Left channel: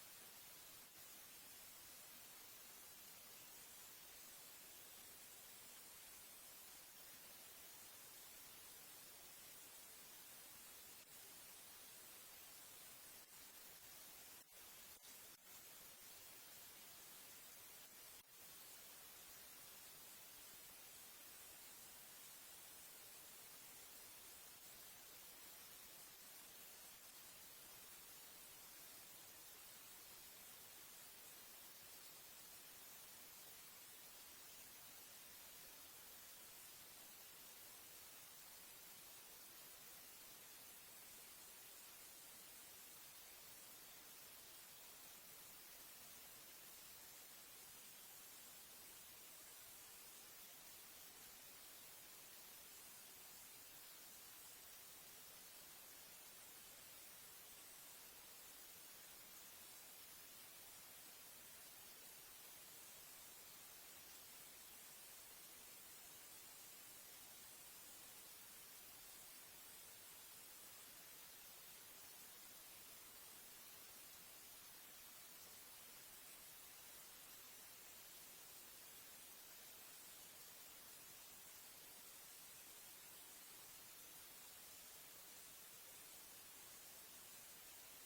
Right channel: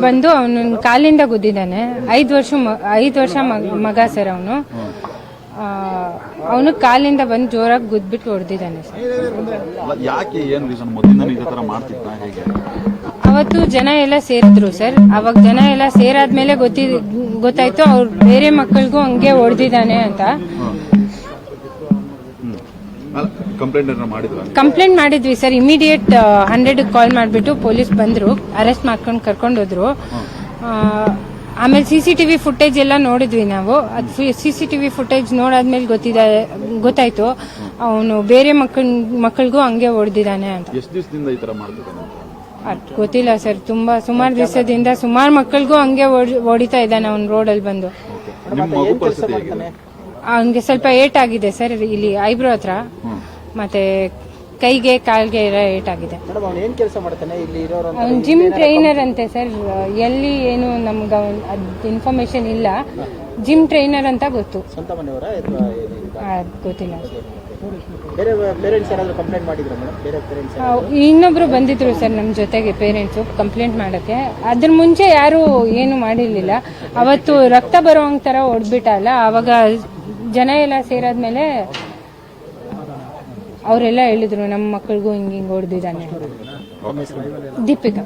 ಬಂದು ಅವನ ಕಾಲಿಂದ ಗುದ್ದಿದ್ದಾನೆ. ಐದು ವರ್ಷ ಐದು ವರ್ಷ ಮಗ- ಸರ್ ಅವನು. ಅವನು ಕಾಲಿಂದ ಬಂದು ಜೋರಾಗಿ ಗುದ್ಬಿಟ್ಟು ಹೊಡೆದಿದ್ದಾನೆ ಅವತ್ತು ಜನ ಎಲ್ಲ ಸೇರಿದ್ರು ಸರ್. ಅವಾಗ ಜನ ಎಲ್ಲ ಸೇರಾದ್ಮೇಲೆ ಗೊತ್ತಿ ಗೊತ್ತಾಯ್ತು ಅವ್ರು ಬೇರೆ ಮಕ್ಕಳಿಗೂ ಹಂಗೆ ಹೊಡೆದಿದ್ದಾನೆ ಅಂತ. ಕಂಪ್ಲೇಂಟ್ ಮಾಡಿದ್ವಿ ಸರ್. ಇಮಿಡಿಯೇಟ್ ಹಂಡ್ರೆಡ್ ಕಾಲ್ ಮಾಡಿಬಿಟ್ಟು ಪೊಲೀಸ್ ಬಂದರು. ಅರೆಸ್ಟ್ ಮಾಡ್ಕೊಂಡು ಕರ್ಕೊಂಡು ಹೋದ್ರು. ಆ, ಆಮೇಲೆ ಸಿ ಸಿ ಟಿವಿ ಫುಟೇಜ್ ಎಲ್ಲ ನೋಡಿದ್ವಿ ನಾವು. ಅದು ಸಿ ಸಿ ಟಿವಿ ಫುಟೇಜ್ ನೋಡಾದ್ಮೇಲೆ ಗೊತ್ತಿದೆ ಗೊತ್ತಾಯ್ತು. ಅವನು ಬೇರೆ ಮಕ್ಕಳ ಮಕ್ಕಳಿಗೂ ಹಂಗೆ ಹೊಡೆದಿದ್ದಾನೆ ಅಂತ. ಎಷ್ಟು ದಿವಸದಿಂದ ಈ ತರ ಮಾಡ್ತಿದ್ದಾನೆ ಅಂತ? ಗೊತ್ತಿಲ್ಲ ಸರ್. ತುಂಬಾ ಸುಮಾರು ದಿವಸದಿಂದ ಸುಮಾರು ಮಕ್ಕಳಿಗೂ ಹಂಗೆ ಹೊಡಿತಾ ಇದ್ದಾನೆ ಅವ್ನು ರೋಡಲ್ಲಿ ಬಂದು. ಹಂಗೆ ಸ್ವಲ್ಪ ಏಟ್ ಆಗಿದೆ ಸರ್ ಇಲ್ಲಿ ಐಬ್ರೋ ಹತ್ರ. ಮತ್ತೆ ಕೈಗೆ ಕಾಲ್ಗೆ ಏಟ್ ಆಗಿದೆ ಮೇಡಮ್ ಅವ್ನು ಏನ್ ಕೆಲಸ ಮಾಡ್ತಾನೆ? ಇಲ್ಲಿ ಇರೋರು ಅವ್ನು ಜಿಮ್ ಟ್ರೈನರ್ ಅಂತೆ ಸರ್. ಎಲ್ಲಿ ಏನು ನಮ್ಗೆ ಅದ್ ಇನ್ಫಾರ್ಮೇಶನ್ ಇಲ್ಲ. ಜಿಮ್ ಟ್ರೈನರ್ ಅಂತ ಗೊತ್ತು. ಸ್ವಂತ ಮನೆಯವರ ಅಥವಾ ಅದ್ ಗೊತ್ತಿಲ್ಲ. ಬೇರೆ ಪೇರೆಂಟ್ಸ್ ಯಾರಾದ್ರೂ ಕಂಪ್ಲೇಂಟ್ ಮಾಡಿದ್ರ ಮೇಡಮ್? ಬೇರೆ ಪೇರೆಂಟ್ಸ್ ಆ, ಇನ್ನೊಬ್ರು ಬಂದಿದ್ರು ಸರ್ ನಮ್ಮ ಜೊತೆಗೆ ಪೇರೆಂಟ್ಸು ಕಂಪ್ಲೇಂಟ್ ಮಾಡಕ್ಕೆ. ಅದ್ರ ಮುಂಚೆ ಯಾರು ಏನು ಮಾಡಿರ್ಲಿಲ್ಲ. ಅವತ್ತು ರಕ್ತ ಬರೋ ಥರ ಹೊಡೆದ್ಬಿಟ್ಟಲ್ಲ ಅವಾಗ ಜನ ಎಲ್ಲ ಸೇರಾದ್ಮೇಲೆ ಅವರೆಲ್ಲ ಹೇಳಿದ್ರು ನಮ್ಮ ಮಕ್ಕಳಿಗೂ ಹಿಂಗೆ ಹಿಂಗೆ ಹೊಡೆದಿದ್ದಾನೆ. ದೀಪಿಕಾ.